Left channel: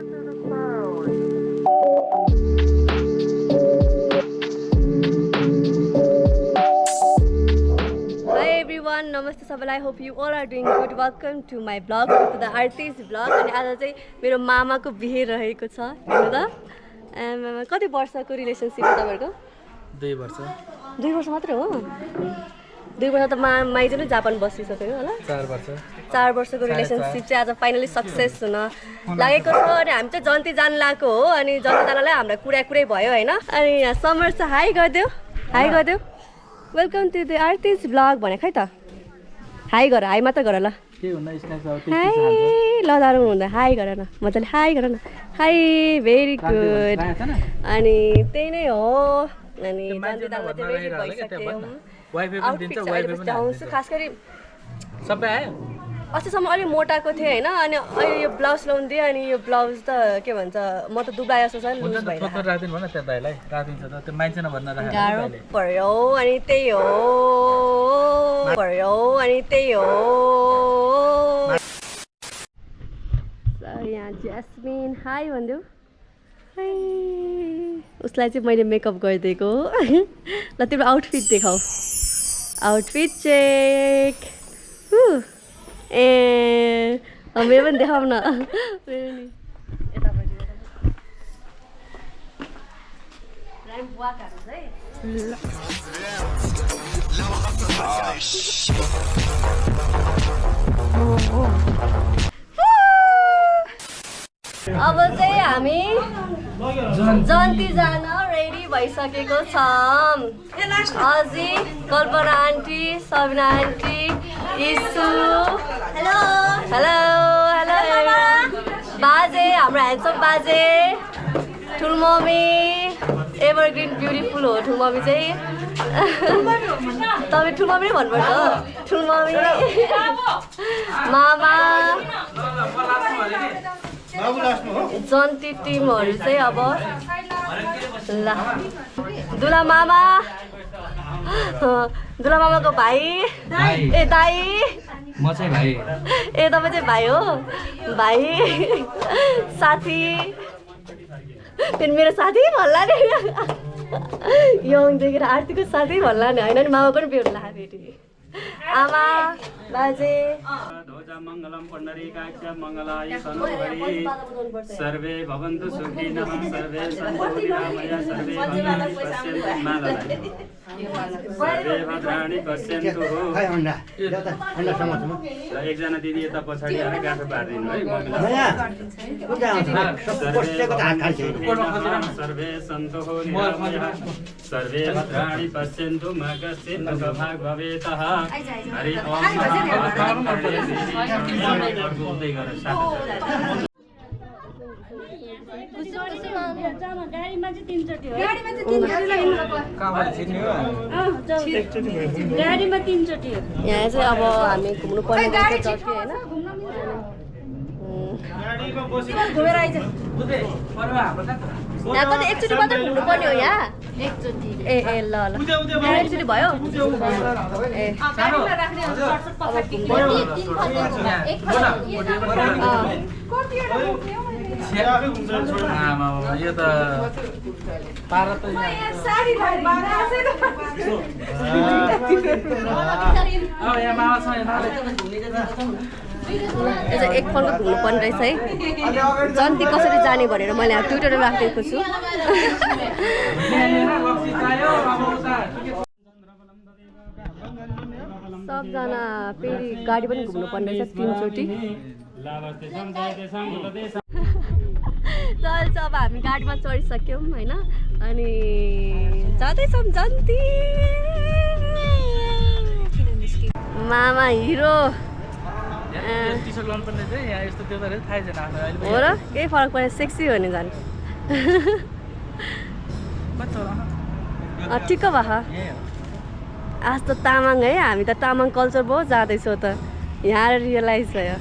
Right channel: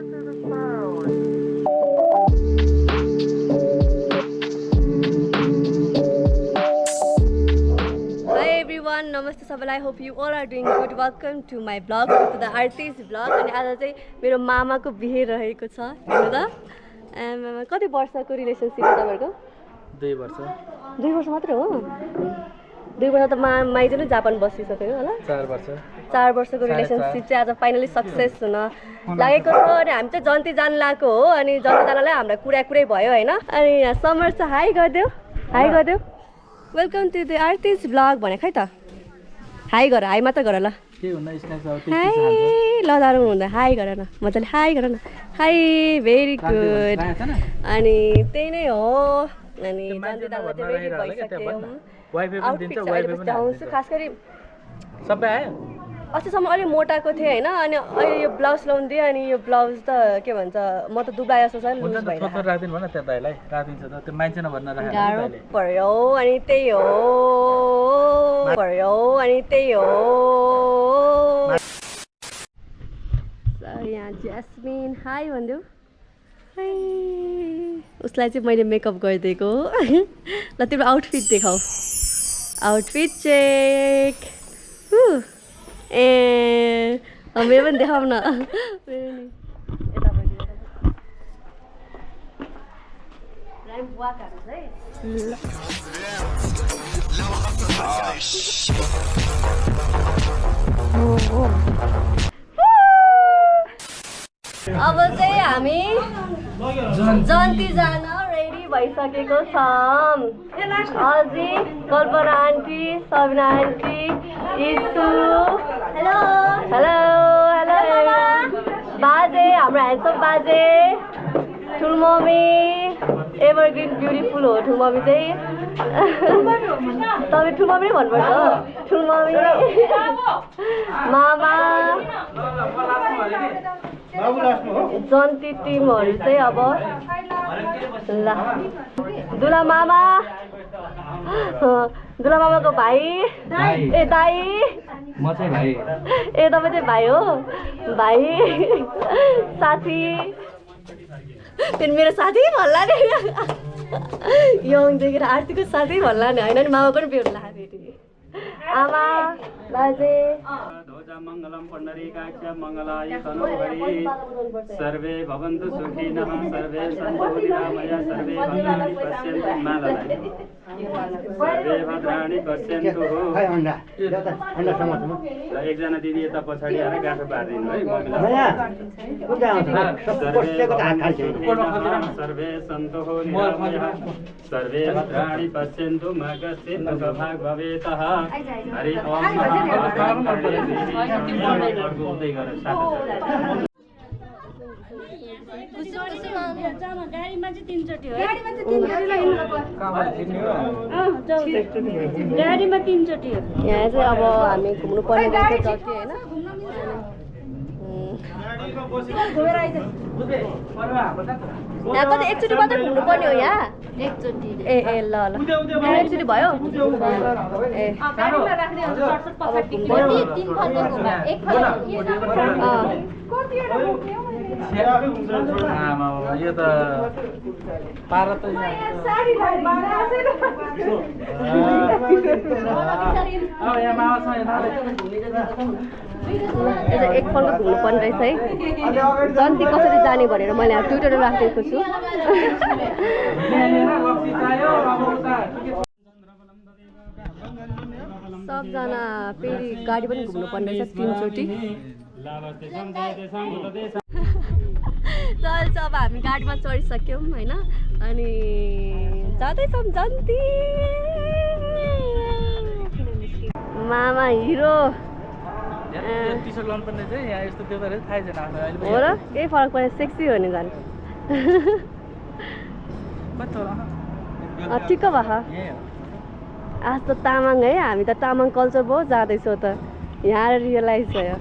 everyone, namaste सबैलाई. Hope you all are doing good. Welcome to my vlog, to the artist vlog. अनि आज चाहिँ मेरो मामाको बिहे रहेको छ. हेर्नु त. कति वर्षको रिलेसनशिप हो तपाईहरुको? 2 वर्ष. 2 वर्ष मात्र हो? 2 वर्ष त माइज नै जापान बसिसक्यो होला? 4 वर्ष. 4 वर्षको रिलेसनशिप चाहिँ आज फाइनली सक्सेस हुन लागेको छ. अनि हामी चाहिँ जन्ती जान लागेको हो. अनि जन्ती जानलाई हाम्रो कुरै भयो हैन. अनि यहाँ समर छ. हाई गर्दियो. हाई गर्दियो. Welcome to the artist vlog भने खै त. हाई गर, हाई मात्र गर ल. के हुन्न स्न्याक्स अब त्यति हाई ल दारु हुँदा हाई गर न. मजाले हाई गर न. High very good. अनि त्यही नै हो. अनि जन्ती दानलाई चाहिँ रेडी भइसक्यो. वाइफाई पनि दिन्छ, वाइफाई पनि आउँछु. खास गरी सबै आयो. अस्तिसम्म अलि मोटाको थिएँ हैन. अनि अहिले यो ब्लाउज लाउँदै अनि यो ब्लाउज त के भन्छ म त दुब्लाए जस्तो छ नि. लुज भइरहेको फोटो राख्दिनु भन त्यहाँ दाइलाई. राखिदिन्छ त त्यो मान्छे नभन्न राखेको. गाह्रो पर्यो. अनि त्यही हो. पर्यो. अनि त्यही हो. यहाँ ज्यास्मिन हाई भन्दियो. हाई. उसलाई चाहिँ मैले मेकअप गरिदिएको. ल तिम्रो आउटफिट देखाऊ. Outfit check. ए मेरो पनि देखाऊ न. अब चाहिँ हामी जन्ती जान रेडी भइसकेको छौँ. अझै कल्पना आन्टी, सबिना आन्टी, इसु, हेलो हेलो हेलो बाजे, हाम्रो ह्यान्डसम बाजे, ठुलमम्मी, एभरग्रिन ब्युटिफुल हो ठुलमम्मी चाहिँ. तपाईँ ठुलमम्मी नै भन्नुपर्छ. ठुलमम्मी, मामा, जन्ती टिमहरू चाहिँ अब ल. दुला मामा, दुला मामाको भाइ, ए दाई, म चाहिँ भाइ. ए तपाईँ चाहिँ भाइ हो. भाइ, साथी, फेरि मेरो साथी भन्ला नि. यङदेखि आरतीको साथी भन्ला नि. होइन नि मामा पनि बेहुला फेरि. आमा, बाजे, मङ्गलम पुण्डरीकाक्ष मङ्गलाय तनोहरि सर्वे भवन्तु सुखिनः सर्वे सन्तु निरामया सर्वे भद्राणि पश्यन्तु मालालाय सर्वे भद्राणि पश्यन्तु. र एकजना दिदी यता पछाडि आएर गाँठो पारिदिनु है. सर्वे सन्तु निरामया सर्वे भद्राणि पश्यन्तु मा कश्चित् दुःखभाग् भवेतः. हरि ओम गाडीमा चाहिँ 3 चोटि हो. गाडीमा 3 चोटि हो. यहाँ चाहिँ अब हामी घुम्नु पर्ने रहेछ जति होइन. यहाँ कति एकचोटि मात्रै घुम्नु पर्ने हो यहाँ. ए ए ल ल एकचोटि भयो. ए यो त पारा त यहाँ मामा छ. एकपल्ट घुम्नु पर्ने रहेछ है. जन्ती कसरी जाने भनेर मैले अब ट्विटरमा राखेको छु. सबजना फेरि गाडी पनि घुम्नु पर्ने रहेछ 3 चोटि. चल अब हामी गाडीमा चढिसक्यौँ होइन. अनि जाँदैछौँ जन्ती. मामा हिरो टी-सर्ट लाउनु पर्ने चाहिँ यहाँ यस्तो त्यो त थाहै छैन अहिले. हो र केही फरक पर्ने. सेक्सी हो नि झन्. ठिक्क भयो. आज त तामाङ है. हामी त तामाङ कल्चर बहुत जाँदैछौँ त. यहाँ रियलाइज भयो.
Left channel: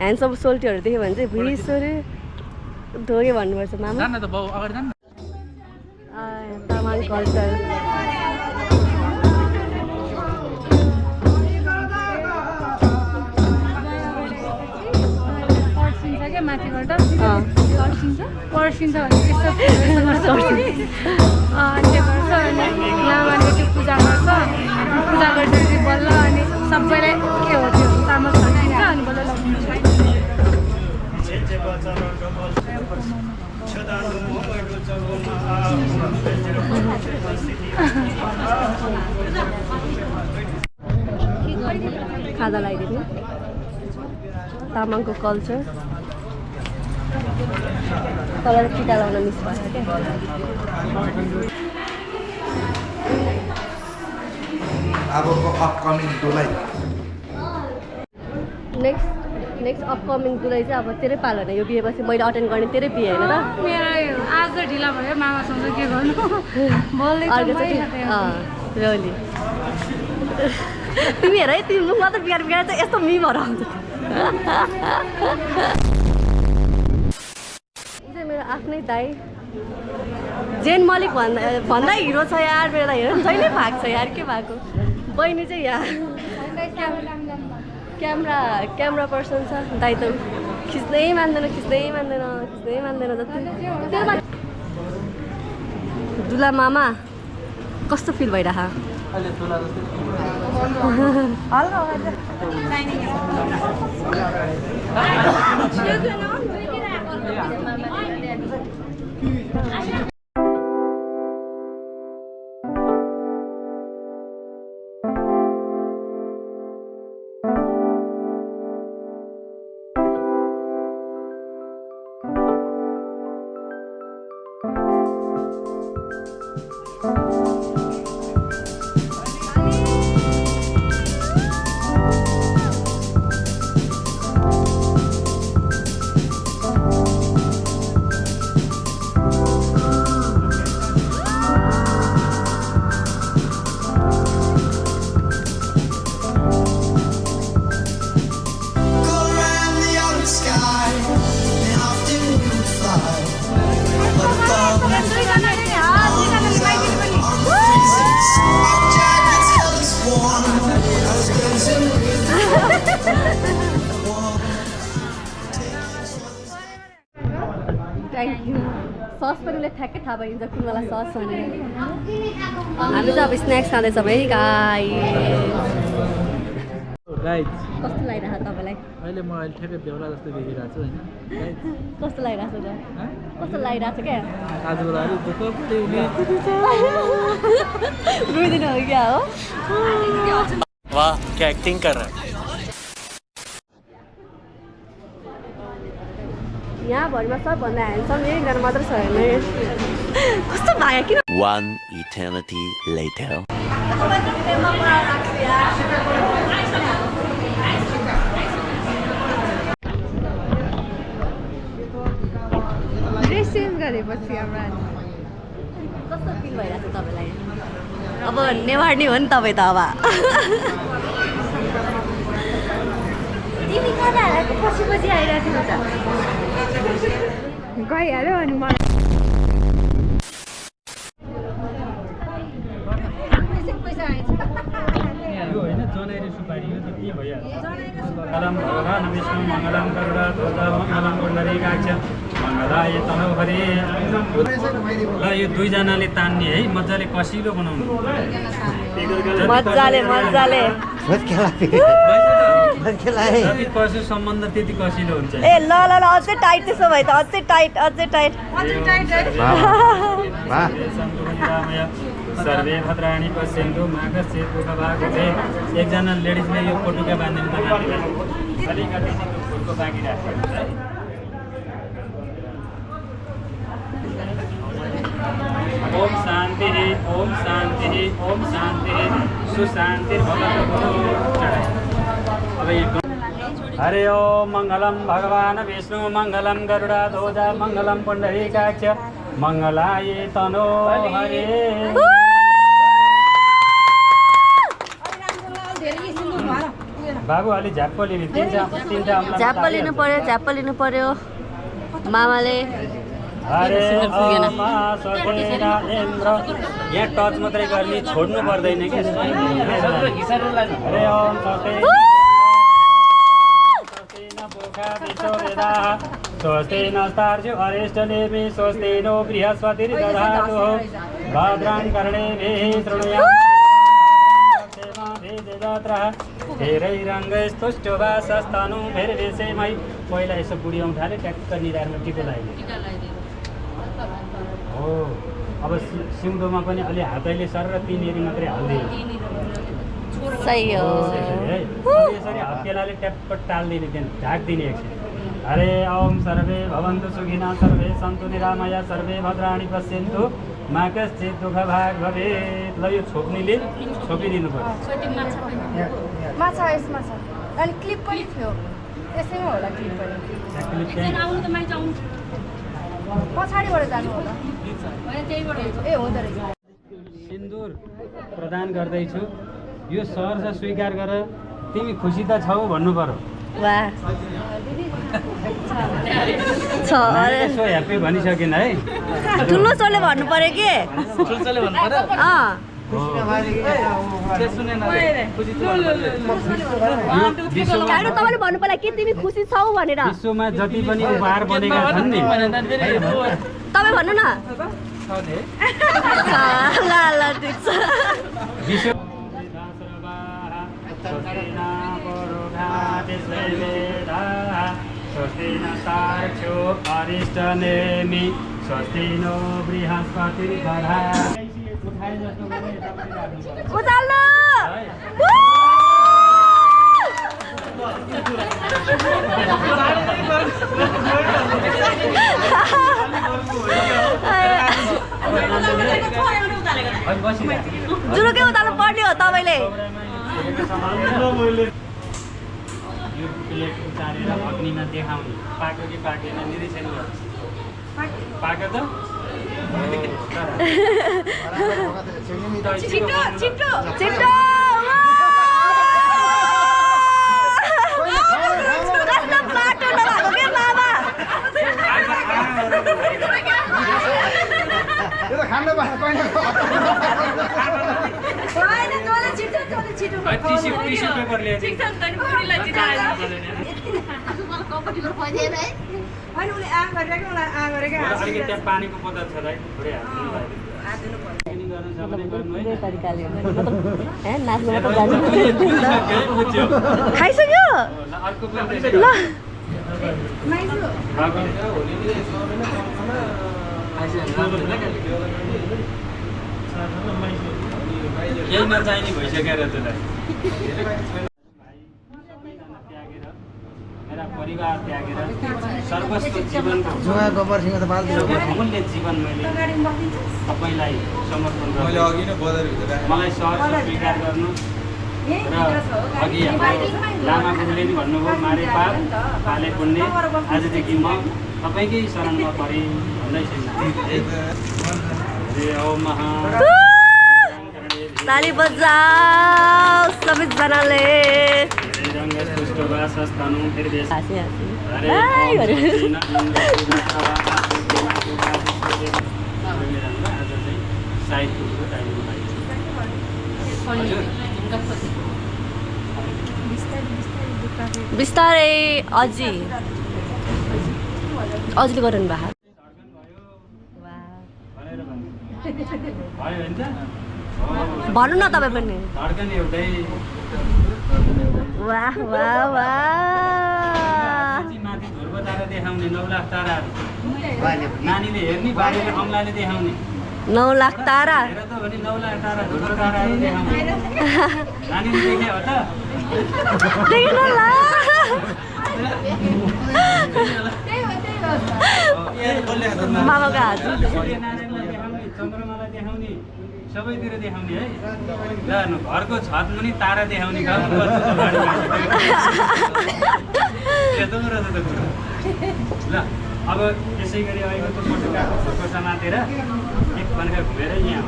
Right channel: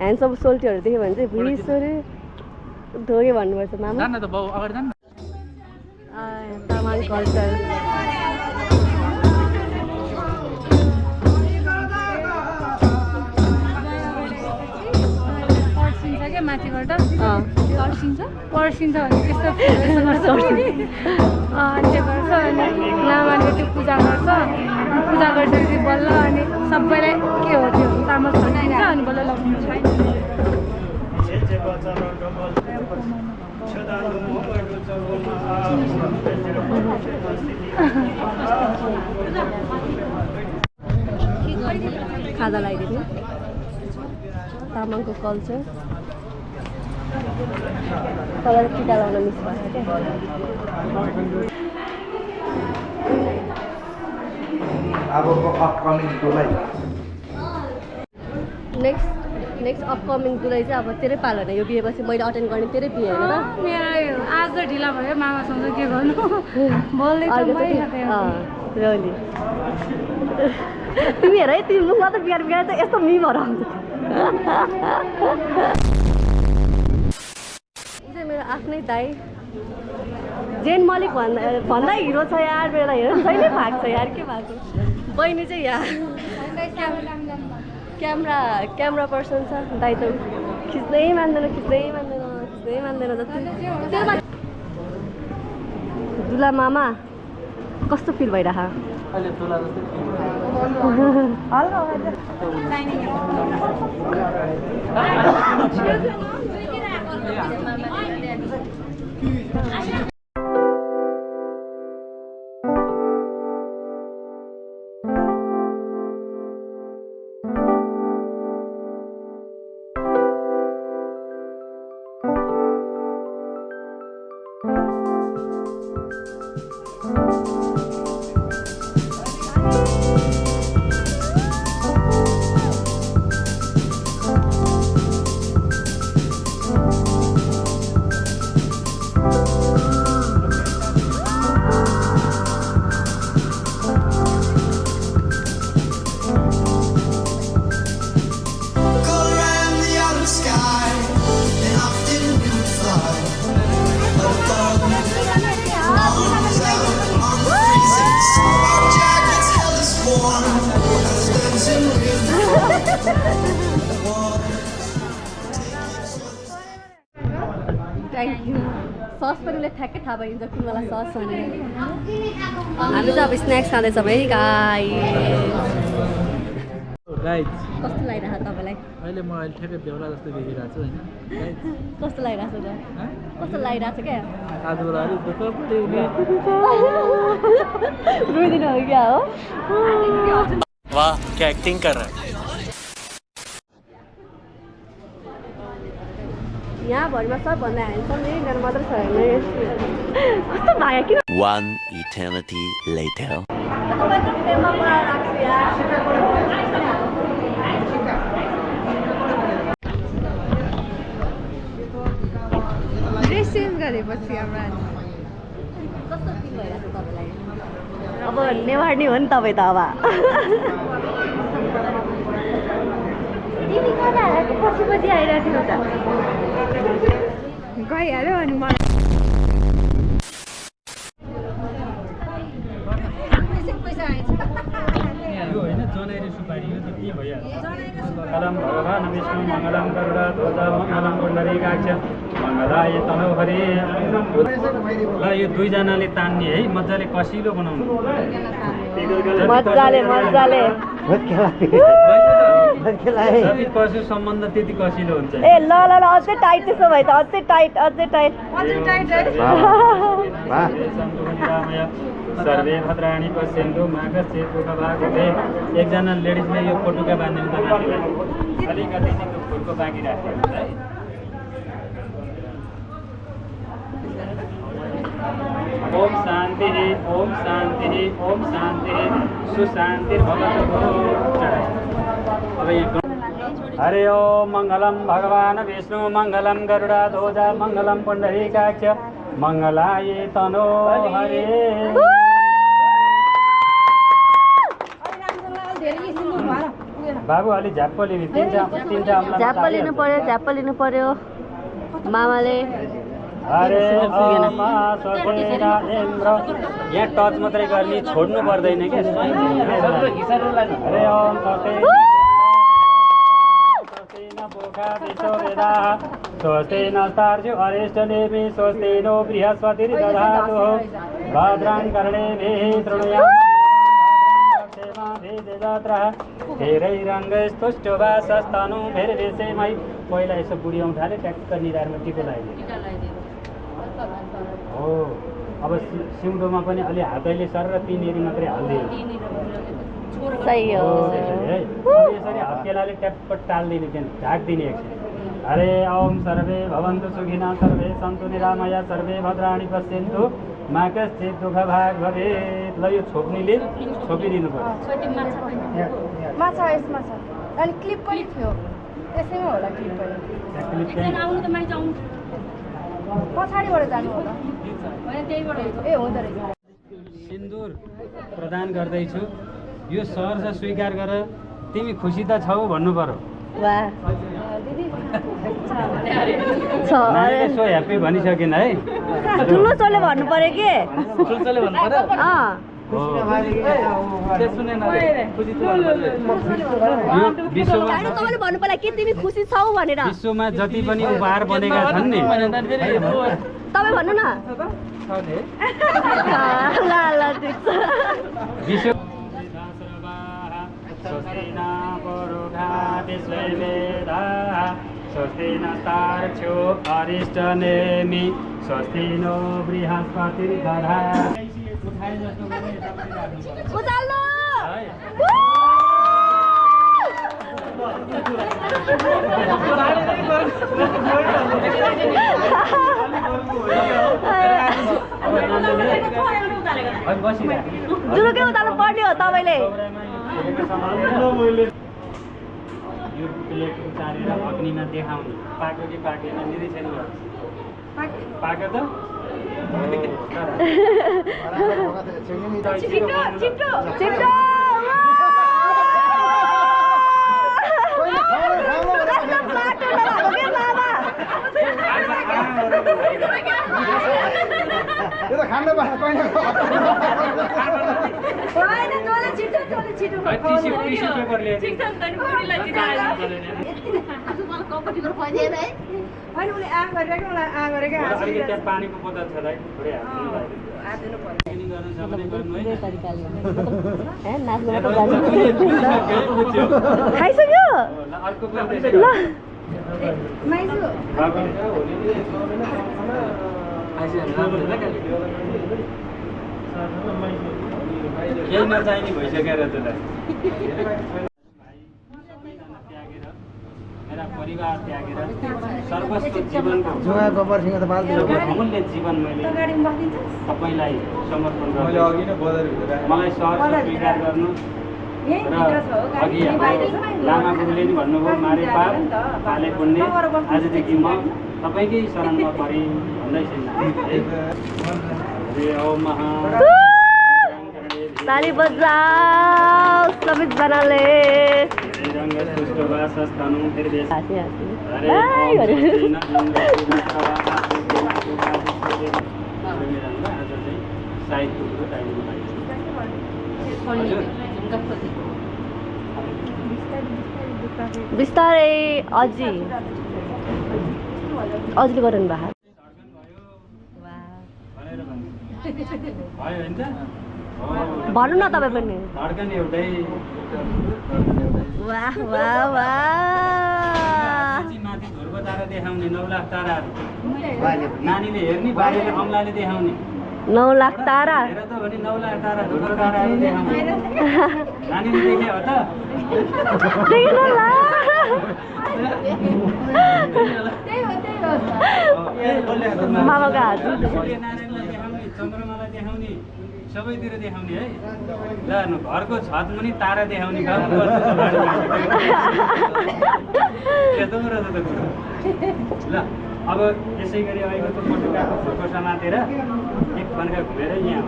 ह्यान्डसम सोल्टीहरू देख्यो भने चाहिँ भुइँसोरे ढोगे भन्नुपर्छ मामा. जान्न त बाउ अगाडि जान्न. तामाङ कल्चर. क्या माथिबाट अँ पर्सिन्छ भने त्यस्तो गर्छ अनि त्यो गर्छ अनि लामाले त्यो पूजा गर्छ पूजा गरिसकेपछि बल्ल अनि सबैलाई के हो त्यो चामल छर्किन्छ अनि बल्ल लगाउँछ खाजा लगाइदिनु तामाङको कल्चर तल टिका लाउन मिस भएछ क्या अबको अपकमिङ दुलाई नेक्स्ट अपकमिङ दुलाई चाहिँ अब तेरै पालो होइन यो बिहेपछि मैले अटेन्ड गर्ने तेरै बिहे होइन त मेरो आज ढिला भयो मामासँग के गर्नु बोल्दै रोली तिमी हेर है तिमी मुख मात्र बिगार चाहिँ यस्तो मिमहरू आउँछ चाहिँ मेरो आफ्नै दाइ जेन मलिक भन्दा हिरो छ यार मेरो दाइ हेर जहिले भएको छ यार के भएको बहिनी चाहिँ यहाँ क्यामेरा पर्सन छ दाइ त खिच्नै मान्दैन जति दुला मामा कस्तो फिल भइरह अहिले तुला जस्तै थ्याङ्क यू सस पनि उसले ठ्याक्कै थाहा भइन्छ कुनवाला सस भने हामी चाहिँ अब स्न्याक्स खाँदैछौँ है गाई गाइज कस्तो लागिरहेको छ तपाईँलाई अहिले म अहिले ठ्याक्कै बेहुला जस्तो देखिरहेको छु होइन गाइज कस्तो लागिरहेको छ त कस्तो लागिरहेको छ क्या आजबाट अलिक दुःख पऱ्यो रुइदिनु हो क्या हो वाह क्या एक्टिंग कर रहा है यहाँ भरिमा सबभन्दा ह्यान्डसम एकजना मात्र छ होइन कस्तो भयो किन One eternity later. Dress change गरेपछि हाम्रो कस्तो फिल भइरहेको छ तपाईँलाई अब नेवार्नी हो नि तपाईँ त अब तिमी कहाँ आएको पछि आइरहेको थियो त गइहाल्यो अनि मलाई यो होइन जनैरी सुपारी यो त के भइहाल्छ मङ्गलम भगवान विष्णु मङ्गलम गरुडा ध्वज मङ्गलम पुण्डरीकाक्ष मङ्गलाय तनौ हरि ल यो दुईजनाले तान्ने है मजाले कसिलो बनाउनु मजाले जति कसिलो सम्बन्ध त्यति कसिलो हुन्छ ए ल अझै टाइट त्यसो भए त अझै टाइट सर्वे भद्राणी पश्यन्तु मा कश्चित् दुःखभाग्भवे एकजना लेडिजले यो पटुका बाँध्नु त अलिकति चाहिँ फुलको बाँकी राख्छ है ओम शान्ति सुशान्तिर्भवतु अब हरे ओम मङ्गलम भगवान विष्णु मङ्गलम गरुडाध्वज मङ्गलम पुण्डरीकाक्ष मङ्गलाय तनो हरे बाबु अलि झ्याप्प लिने झ्याप्प लिनु पर्यो मामाले हरे ओम स्वस्तेन इन्द्र यहाँ टच मात्रै गर्ने छोड्नु पर्दैन क्या हरे ओम स्वस्तेन बोका विश्व वेदाः स्वस्ति नस्तार्क्ष्यो अरिष्टनेमि स्वस्ति नो बृहस्पतिर्दधातु भद्रां कर्णेभिः शृणुयाम धेरैरङ्गस्तुष्टुवासस्तनु भेरवेशेमै पहिला यसो बुढी औँठाले ट्याक्क निधारमा टिको लगाइदियो हो अब सिउँदोमा पनि अलि हातैले सर र तिनीहरू मात्रै हालिदियो सही हो है यसरी हत्केलाले ट्याप्प टालिदिने त्यहाँ ढाकिदिने एकछिन हरे ओम सर्वे भवन्तु सुखिनः सर्वे सन्तु निरामया सर्वे भद्राणि पश्यन्तु मा कश्चित् दुःख भाग भवेत् ल यो छोप्नीले छोपिदिनु पर्छ माछा यसमा छ अनि क्लिप पनि थियो त्यसैमा होला क्लिप पनि क्लिप चाहिँ आउनु त माइज आउनु पछाडिबाट जानु होला होइन त्यहीबाट ए हुँदो रहेछ सिन्दुर प्रदान गर्दैछु यो सहर स्वीकार गर तिमी खुसी त छौ भन्नु पर्यो वाह नानीले सो ह्याप्पी भनिसकेन है ठुलो छोले भन्नु पर्यो के ठुल्छोले भन्नु पर्यो अँ त्यो सुनेन रे खुसी छु भन्नु पर्यो यो विश्वमा होइन तपाईँले भन्नु पर्यो कि तिमी खुसी छौ भनेर विश्वमा जति पनि उपहार बनेका छन् नि तपाईँ भन्नु न छ नि ल ल ठिक छ विश्व स्वस्ति नस्तार्क्ष्यो अरिष्टनेमि स्वस्ति नो बृहस्पतिर्दधातु उठाए जस्तो गरे यतापट्टि राख्नुपर्छ उचाल्नु जुरुकै उताल्नु पर्ने हो तपाईँले यो प्लेट उतारेर अग्निमा देखाउने पाक्यो कि पाकेन निरीक्षण गर्छ पाक्यो त छिटो छिटो बाटो नभएको के मामा त्यो त खानु टिस्यु पेपर ल्याइदिनु अलिकति त्यहाँ पानीको बोतल छ है थोरै खाइसक्यो अर्को केही नचाहिने भइसकेर त्यसलाई मेरा परिवार त्यागेर सर्वस्व जीवनको अमूल्य जीवन मैले तपाईँलाई समर्पण गर्छु मलाई सहर स्वीकार गर्नु र अघि लामा गुरुले नि भन्नुभयो मारे पाप पाले पुण्य आजदेखि म तपाईँकै शरणमा परेँ भन्दैछु ताली बजाऊ सबैजनाले बिस्तारै अझैले गराउनु भएको भन्नु न तपाईँ पनि धड्कन एउटै वाह वाह वाह माथि ध्रुव तारा देखाउने 9 लाख ताराहरू नानीले हेर्ने बाबुले अम्लाले देखाउने 9 लाख तारा हेर त भने 9 लाख तारा ध्रुव ताराहरू देखाउने नानीले देखे हो त देख्नु होला मामाको हात सूर्यनारायणलाई देखाउने चन्द्रमालाई देखाउने सबैतिर देखाउने है ल घरको छत मुनि तारा देखाउने काम यस्तो रहेछ त कुरो ल अब यसै गरी अहिले त फोटो समातेर एक फन्का घुमेर यहाँ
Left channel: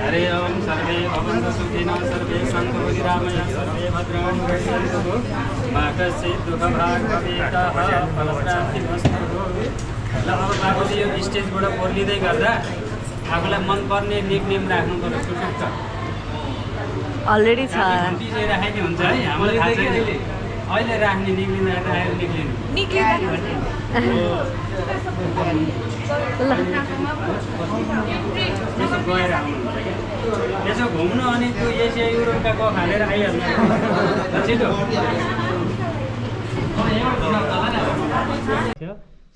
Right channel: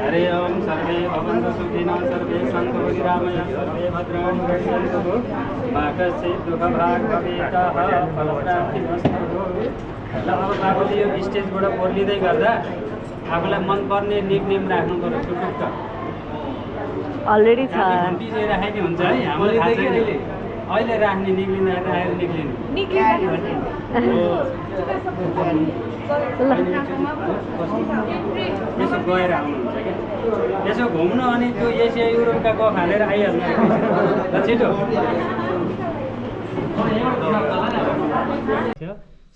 हरे ओम सर्वे भवन्तु सुखिनः सर्वे सन्तु निरामया सर्वे भद्राणि पश्यन्तु मा कश्चित् दुःखभाग् भवेत् फलप्राप्तिरस्तु ल अब बाबुले यो स्टेजबाट बोलिँदै गर्दा आफूलाई मनपर्ने निकनेम राख्नु पर्यो सुटुक्क अलरेडी छ घन्टी चाहिँ राखेको हुन्छ है हामीलाई थाहा छैन अहिले राख्ने निक्लिँदा राखेर निक्लिनु यसो गएर आउनुहुन्छ क्या यसो घुम्नु अनि त्यो एसिया युरोपका क खालेर आइहाल्नु छिटो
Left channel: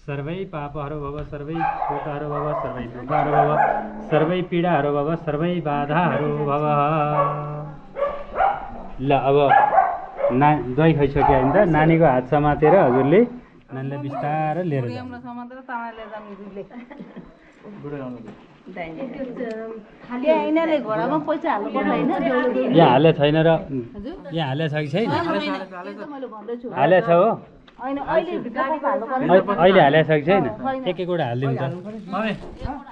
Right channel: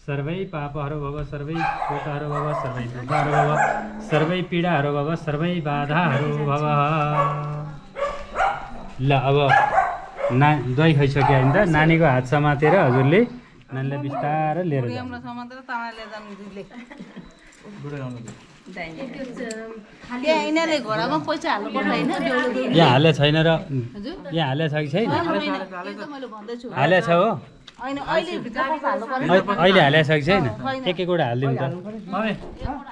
सर्वै पापहरू भव सर्वै शोकहरू भव सर्वै दुःखहरू भव सर्वै पीडाहरू भव सर्वै बाधाहरू भव ल अब दही खाइसक्यो होइन त नानीको हात समातेर हजुरले नानीलाई बिस्तारै लिएर यहाँ हाले छैन र यहाँ हाले छ कि छैन हाले छ हो अहिले हाले छ कि छैन एक एकवटा हालिदिउँ त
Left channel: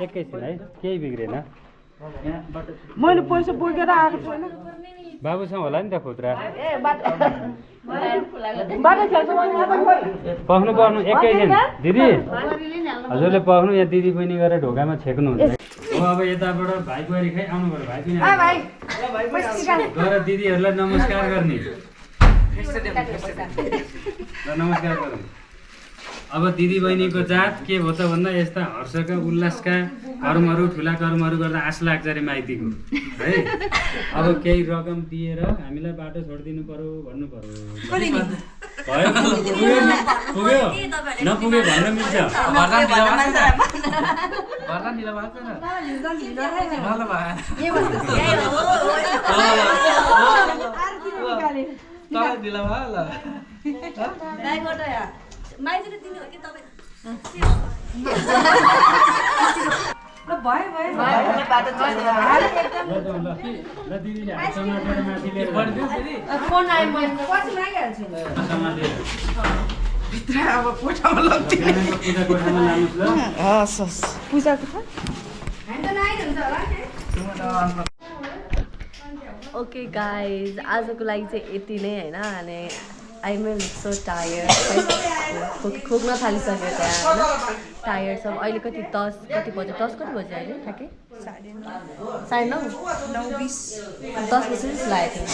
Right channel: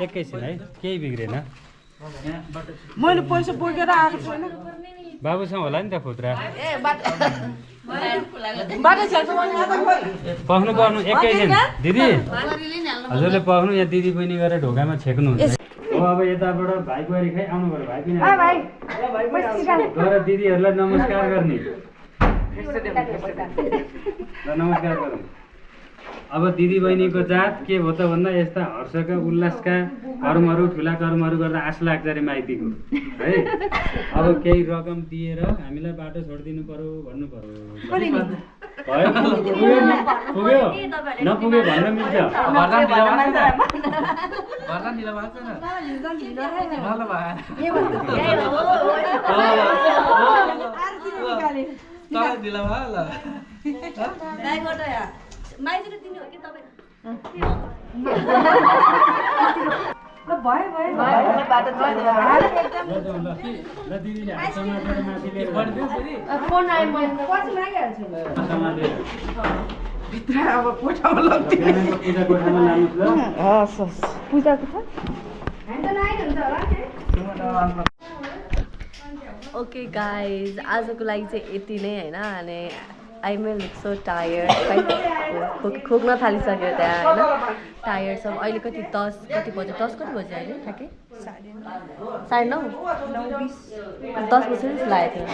एकैछिन है केही बिग्रेन मैले पैसा बोकेर आएको छैन बाबुसँग होला नि त खुद्रा बाटो पख्नु एकैछिन दिदी हजुरले पख्नु यहाँ दिदी बहिनी गरेर ढोकामा छेक्नुहुन्छ हो अब यताबाट भाइ बुहारी खै आउनु पर्यो भाइ पनि गएर दिदीहरूलाई नमस्कार गर्ने नमस्कार गरौँ अब दिदी बहिनीको जात के हो त भन्दा यस्ता हर्षका उल्लासका कर्महरू ठुला कर्महरू गर्दा आश लाग्छ अरे माइतीको है अब केही रकम दिएर हामीलाई बाटो छोडिदिनु पर्यो भन्नु पर्यो पुग्यो नपुग्यो भन्न मिल्छ माइतीले दिनु हो कि तपाईँ ल दिदीले हात समातेर माथि लिएर अब कोठामा लग्थ्यो पूजा कोठामा लानुहोस् ल हस् हस् पूजाको ओके गाइज आजको लागि चाहिँ यति नै होइन अनि आई एम सो टायर्ड खोक्न थालिसक्यो त्यहाँ होइन टायर्ड छ अहिले कति 10 कति बज्यो 10 कति बज्यो अहिले ठ्याक्कै 9:30 10 बजी जस्तो लागेको थियो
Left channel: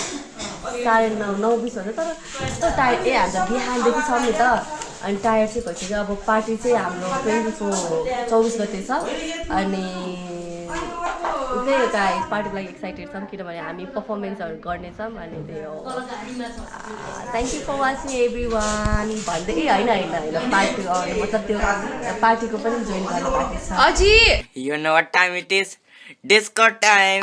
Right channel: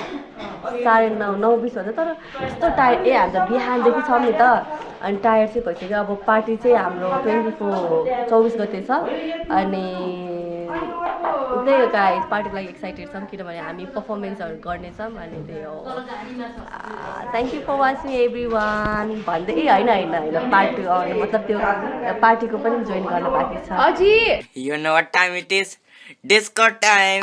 9:30 बज्यो तर यस्तो टायर्ड हामी त बिहानदेखि छ नि त अनि टायर्ड चाहिँ भइसक्यो अब पार्टी चाहिँ हाम्रो 24 गते छ अनि त्यही हो गाइस पार्टीको लागि एक्साइटेड छौँ किनभने हामी पर्फर्मेन्सहरू गर्नेछौँ अनि त्यही हो thank you for watching everyone भन्दै होइन पार्टी मतलब त्यो पार्टीको पनि जोइन गर्न बाँकी छ You know what time it is? Disco time.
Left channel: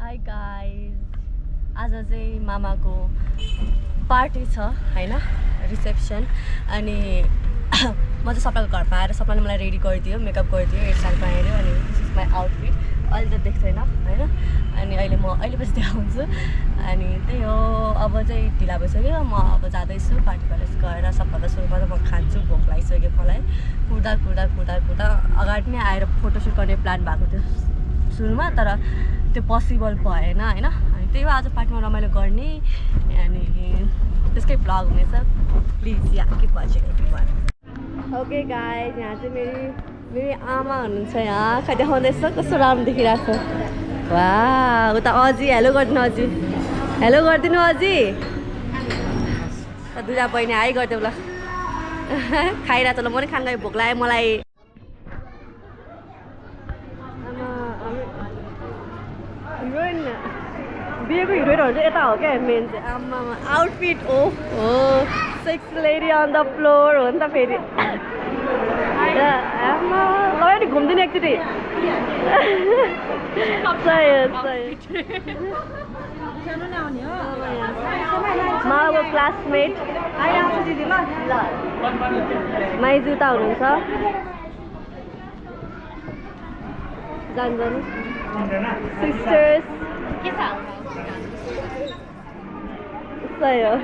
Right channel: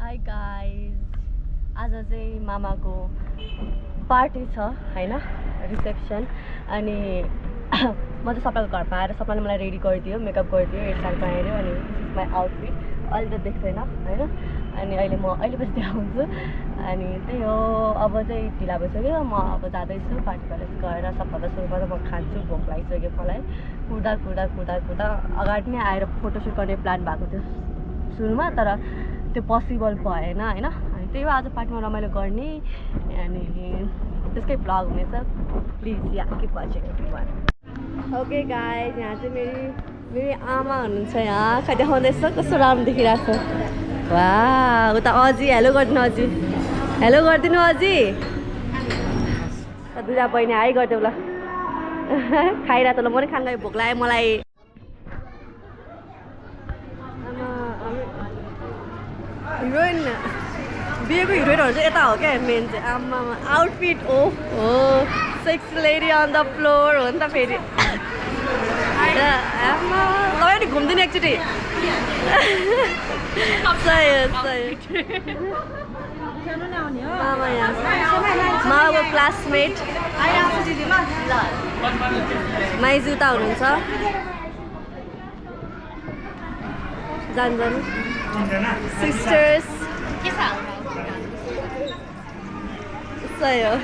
Hi guys आज चाहिँ मामाको पार्टी छ होइन रिसेप्सन अनि म चाहिँ सपनाको घरमा आएर सपनाले मलाई रेडी गरिदियो मेकअप गरिदियो हेयरस्टाइल बनाइदियो अनि दिस इज माई आउटफिट अहिले त देख्दैन होइन अनि अहिले पछि देखाउँछु अनि त्यही हो अब चाहिँ ढिला भइसक्यो म अब जाँदैछु पार्टी प्यालेस गएर सबभन्दा सुरुमा त म खान्छु भोक लागिसक्यो मलाई कुर्दा अगाडि नै आएर फोटोसुट गर्ने प्लान भएको थियो सुरुमा तर त्यो पोसिबल भएन होइन अनि त्यही हो आज पार्टीमा रमाइलो गर्ने अनि त्यसकै भ्लग हुनेछ please yeah keep watching everyone okay guys यहाँ चाहिँ मेरी आमा हुनुहुन्छ यहाँ खै देखाउँदैछ कस्तो राम्रो देखिरहेको छ वा उता अजी हेलो गरिदिनु अजी हेलो गरिदिनु अजी दुईवटा बहिनी हाई गरिदेऊ ल खाइरहेको छ ल म पनि खान गएँ भोक लाग्यो मलाई हिरोइन बिहेको हिरोइनहरू चाहिँ यता हो क्या मेन चाहिँ आमामा आउटफिट हो sexy lady on the floor हो नि त फेरि आमा तपाईँ नि घुम्दिनु एकचोटि मामाको क्लासमेट माइजु उता हुनुहुन्छ जानु सिस्टर्स सही हो